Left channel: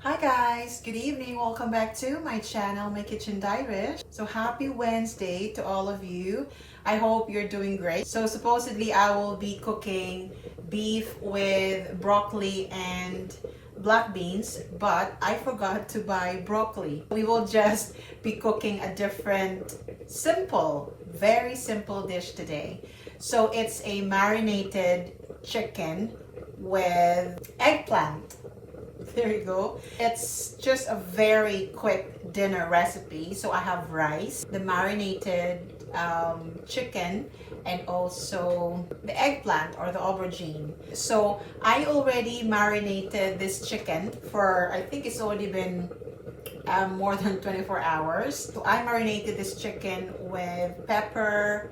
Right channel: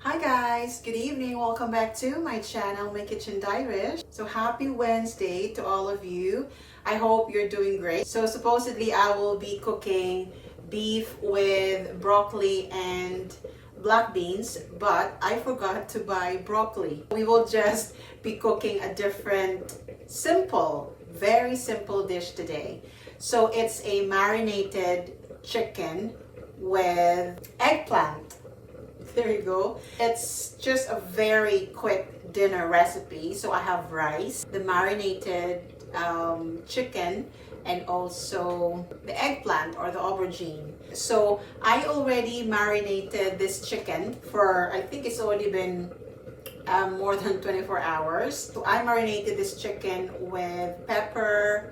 Hi guys, good evening. Welcome back to my channel, My Kitchen Diarish. So happy Wednesday to all of you. I hope you're doing great. So supposedly I will be cooking beef with broccoli and black beans, but I forgot to buy broccoli. We will just be cooking a different very simple dish today. So it's a marinated chicken with eggplant. There you go. It's just a very quick dinner recipe. So I have rice, the marinated chicken, and also the eggplant or the aubergine. So I already marinated this chicken for, I think it's already been more than 24 hours. So I marinated this chicken with pepper,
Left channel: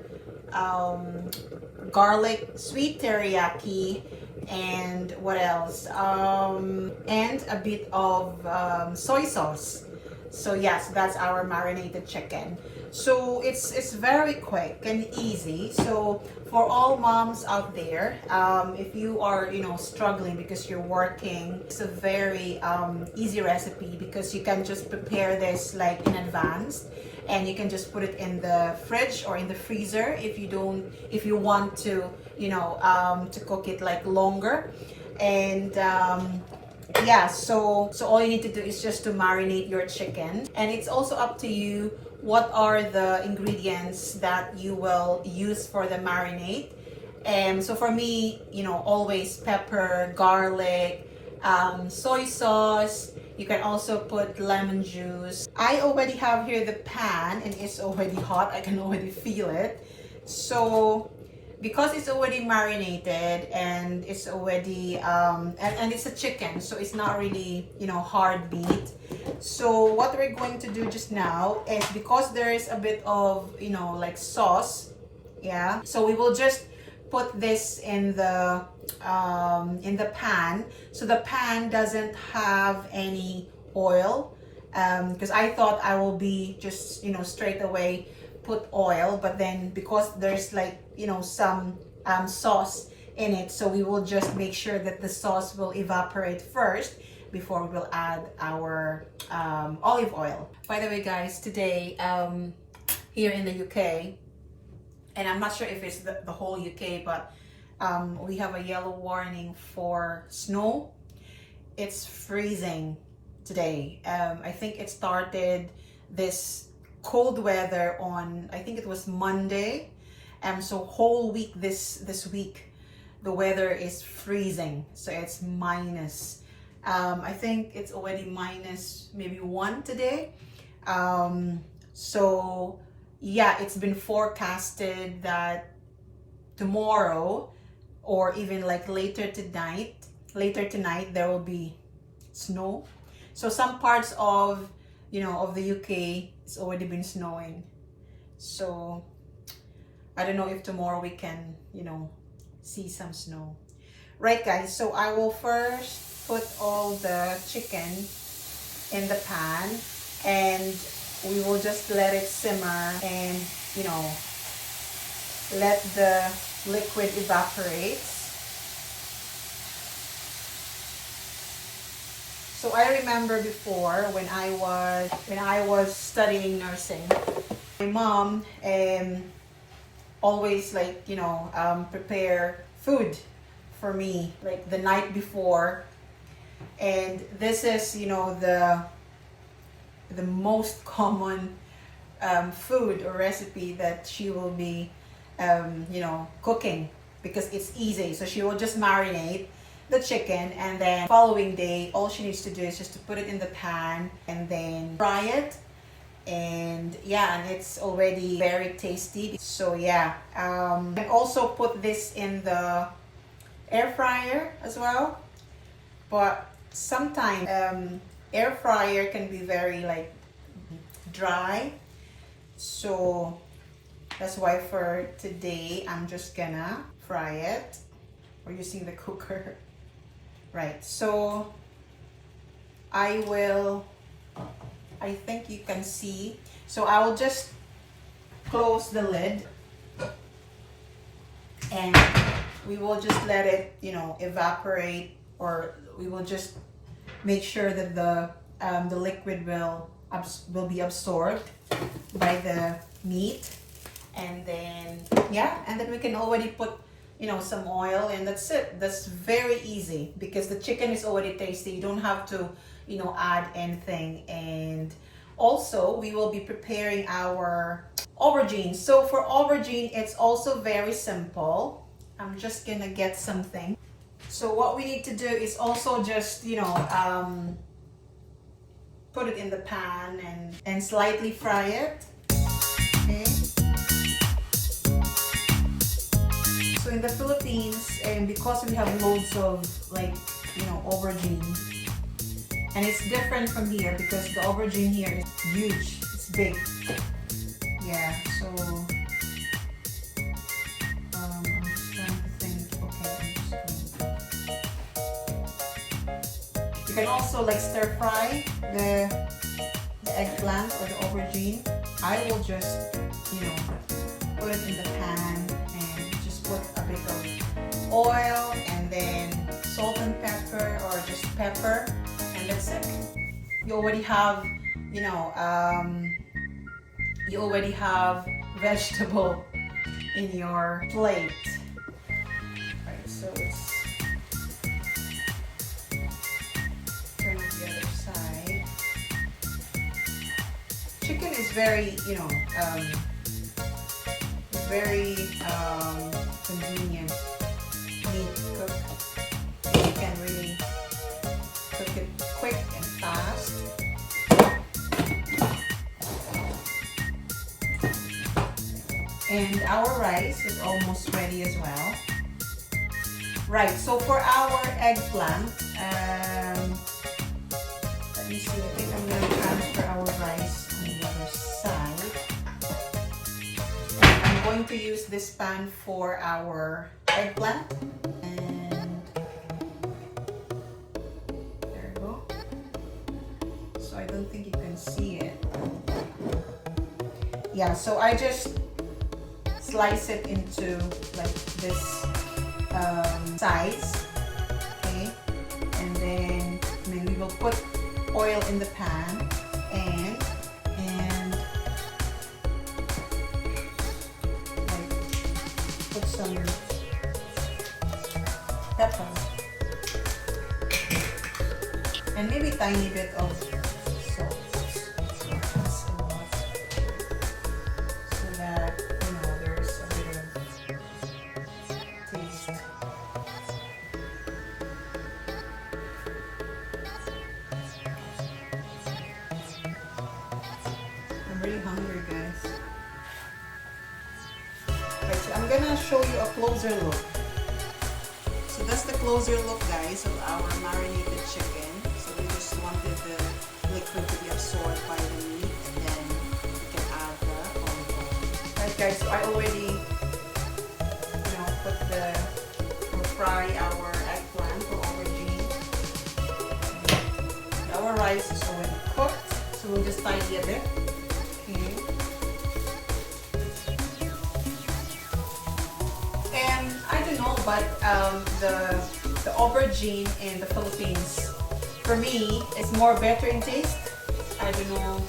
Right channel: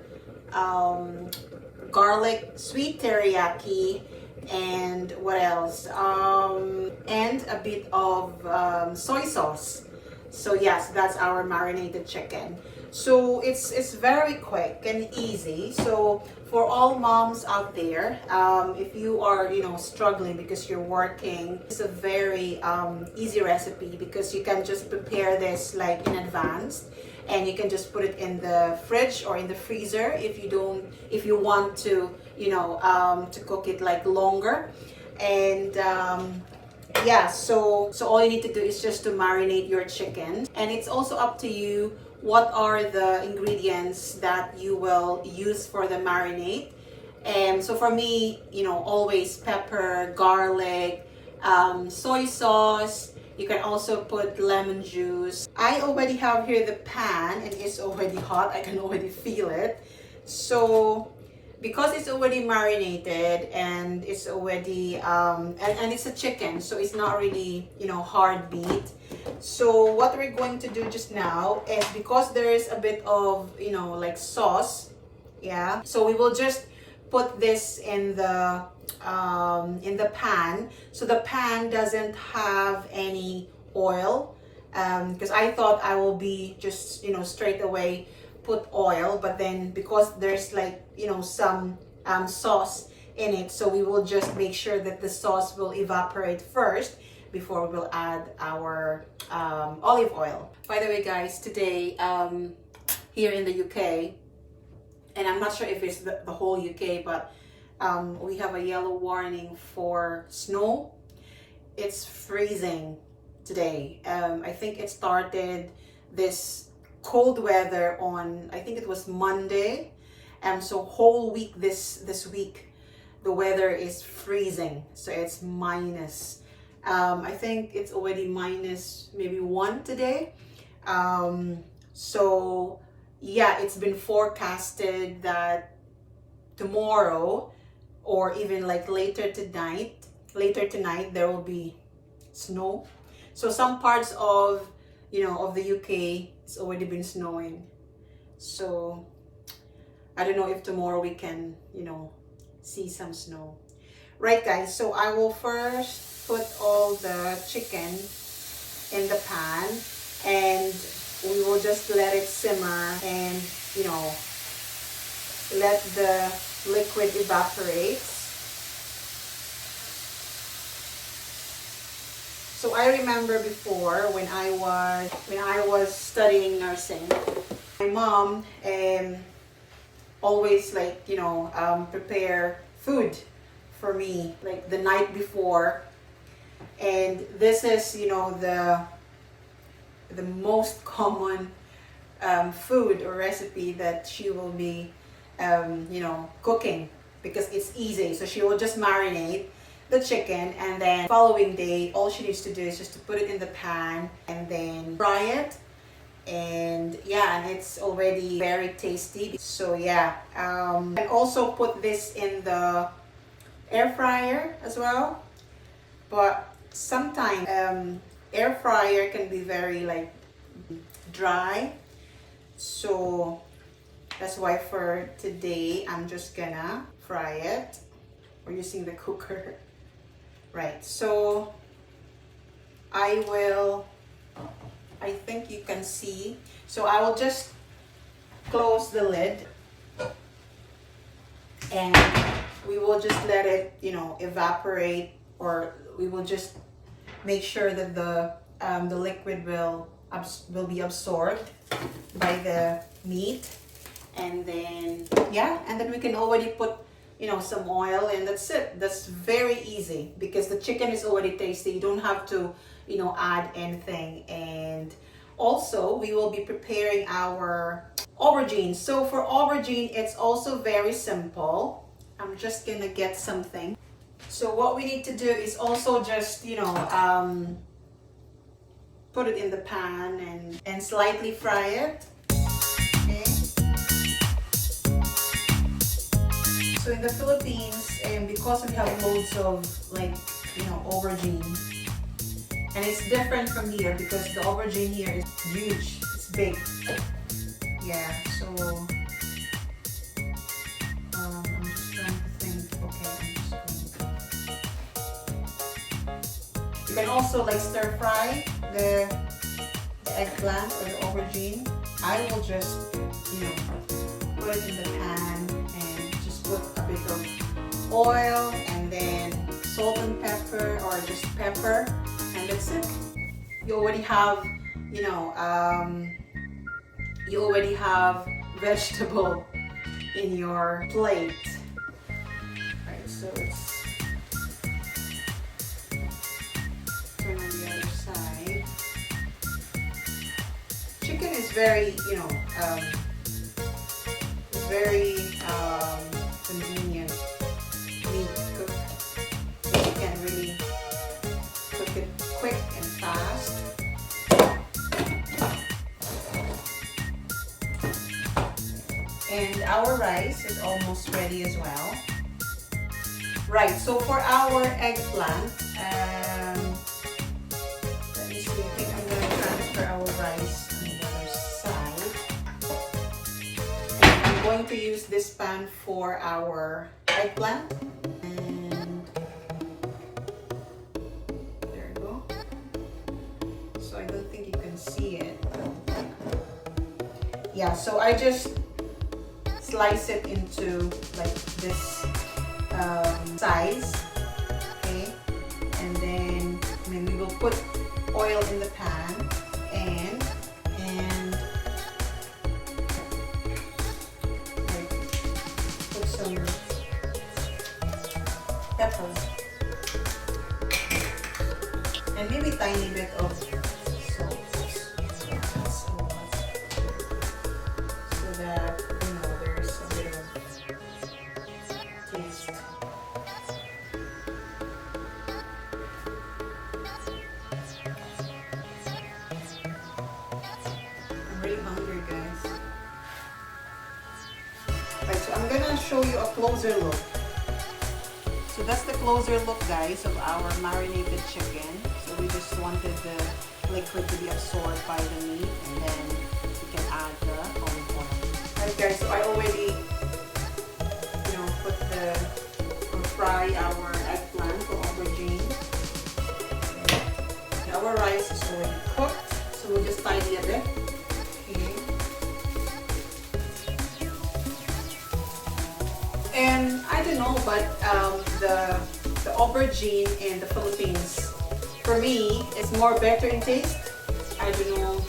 garlic, sweet teriyaki, and what else? And a bit of soy sauce. So yes, that's our marinated chicken. So it's very quick and easy. So for all moms out there, if you are struggling because you're working, it's a very easy recipe because you can just prepare this like in advance, and you can just put it in the fridge or in the freezer if you want to to cook it like longer. And yeah, so all you need to do is just to marinate your chicken, and it's also up to you what are the ingredients that you will use for the marinade. And so for me, always pepper, garlic, soy sauce. You can also put lemon juice. I already have here the pan and it's already hot. I can already feel it. So because it's already marinated and it's already and it's a chicken, so it's not really hard meat. So what we're going to do just now is, because there is a bit of like sauce, yeah, so we will just put this in the pan, so the pan doesn't have any oil, because I thought I will be just straight away put oil, but then because there's like some sauce in it, so we will just make sure that the sauce will evaporate first before we will add our olive oil. By the way guys, today here in the UK, and I'm not sure if it's the whole UK, but we have a yellow warning for snow. It's freezing today. I think it started this cold weather on, I think it was Monday, and so whole week this week the weather is freezing. So it's minus, I think it's already minus maybe 1 today. So yeah, it's been forecasted that tomorrow or even like later tonight there will be snow. So some parts of of the UK, it's already been snowing. So I don't know if tomorrow we can see some snow. Right guys, so I will first put all the chicken in the pan, and we will just let it simmer and let the liquid evaporate. So I remember before when I was studying nursing, my mom always like prepare food for me like the night before, and this is the most common food or recipe that she will be cooking, because it's easy. So she will just marinate the chicken, and then following day all she needs to do is just to put it in the pan and then fry it, and yeah, and it's already very tasty. So yeah, and also put this in the air fryer as well, but sometimes air fryer can be very like dry, so that's why for today I'm just gonna fry it. We're using the cooker. Right, so I think you can see, so I will just close the lid and we will just let it, evaporate, or we will just make sure that the liquid will be absorbed by the meat. And then we can already put some oil, and that's it. That's very easy because the chicken is already tasty. You don't have to add anything. And also we will be preparing our aubergine. So for aubergine, it's also very simple. I'm just gonna get something. So what we need to do is also just put it in the pan and slightly fry it. Okay. So in the Philippines, and because we have loads of aubergine, and it's different from here because the aubergine here is huge, it's big. Yeah, so I'm just trying to think. Okay, you can also stir fry the eggplant or the aubergine. I will just put it in the pan and just put a bit of oil and then salt and pepper, or just pepper, and that's it. You already have vegetable in your plate. Right, so it's turn on the other side. Chicken is very very convenient meat to cook. You can really cook it quick and fast. And our rice is almost ready as well. Right, so for our eggplant, let me see, I think I'm going to transfer our rice on the other side. And I'm going to use this pan for our eggplant. And there we go. So I don't think you can see it. Yeah, so I just slice it into this size, okay, and then we will put oil in the pan and put some pepper and maybe a tiny bit of salt, so that there's a bit of taste. I'm really hungry, guys. Right, so I'm gonna show you a closer look. So that's the closer look, guys, of our marinated chicken. So we just wanted the liquid to be absorbed by the meat, and then we can add the olive oil. Alright, guys, so I already fry our eggplant or aubergine. Okay. Our rice is already cooked, so we'll just tidy a bit. Okay. And I don't know, but the aubergine in the Philippines, for me, is more better in taste. I don't know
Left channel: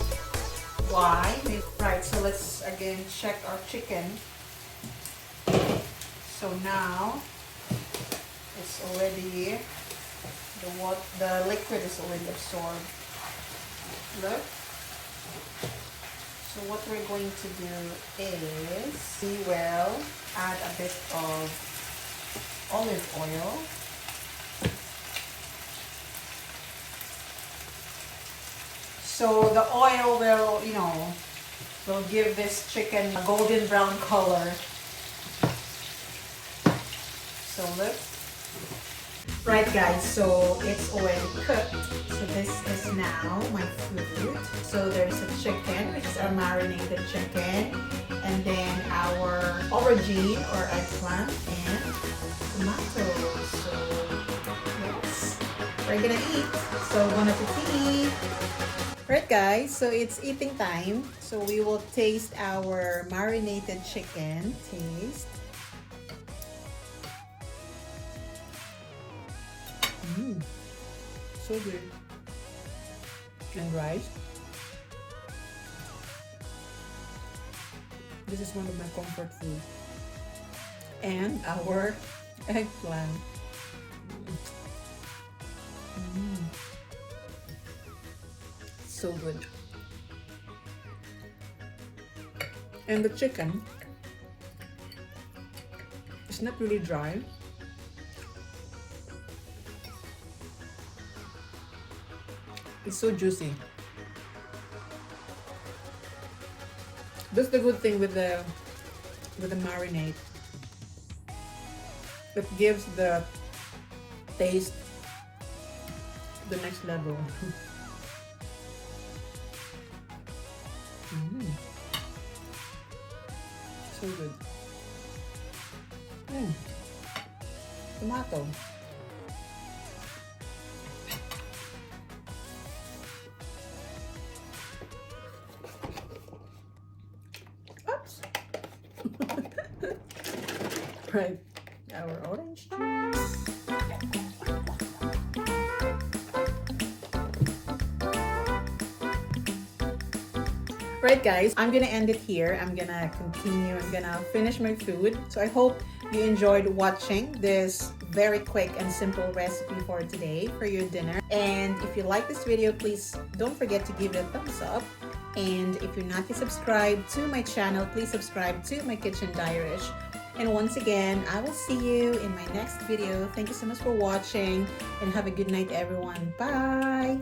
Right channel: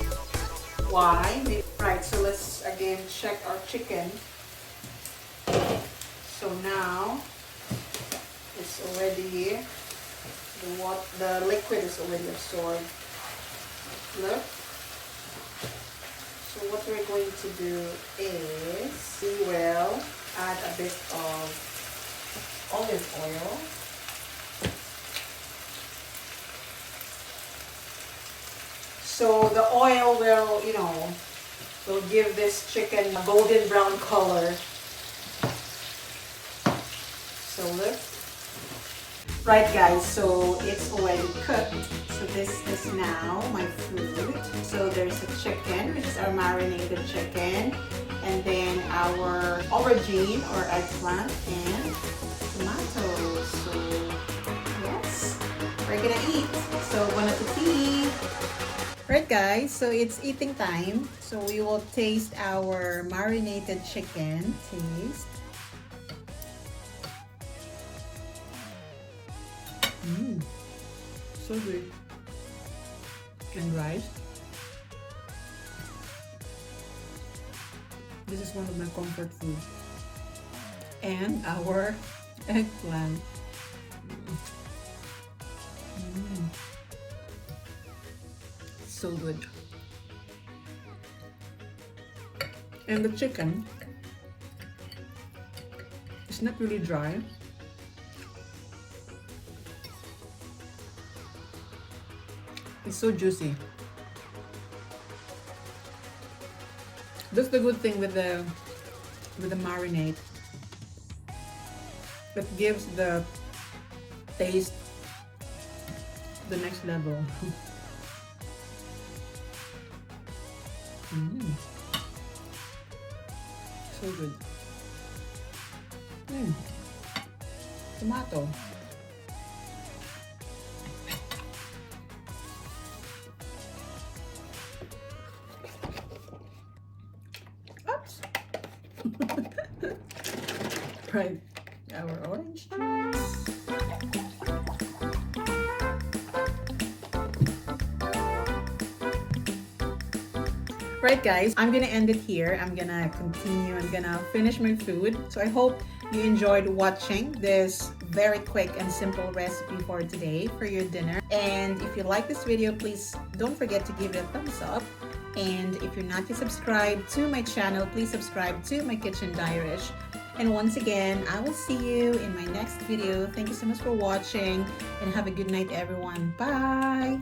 why. Right, so let's again check our chicken. So now it's already the liquid is already absorbed. Look. So what we're going to do is we will add a bit of olive oil. So the oil will give this chicken a golden brown color. So look. Right, guys, so it's already cooked. So this is now my food. So there's a chicken, which is our marinated chicken, and then our aubergine or eggplant and tomatoes. So yes, we're gonna eat. So bon appetit. Right, guys, so it's eating time. So we will taste our marinated chicken. Taste. Mmm, so good. And rice. This is one of my comfort foods. And our eggplant. Mm. So good. And the chicken is not really dry. It's so juicy. That's the good thing with the marinade. It gives the taste to the next level. Mm. So good. Mm. Tomato. Oops. Right. Our orange juice. Right guys, I'm gonna end it here. I'm gonna continue. I'm gonna finish my food. So I hope you enjoyed watching this very quick and simple recipe for today for your dinner. And if you like this video, please don't forget to give it a thumbs up. And if you're not yet subscribed to my channel, please subscribe to my Kitchen Diarish. And once again, I will see you in my next video. Thank you so much for watching and have a good night, everyone. Bye!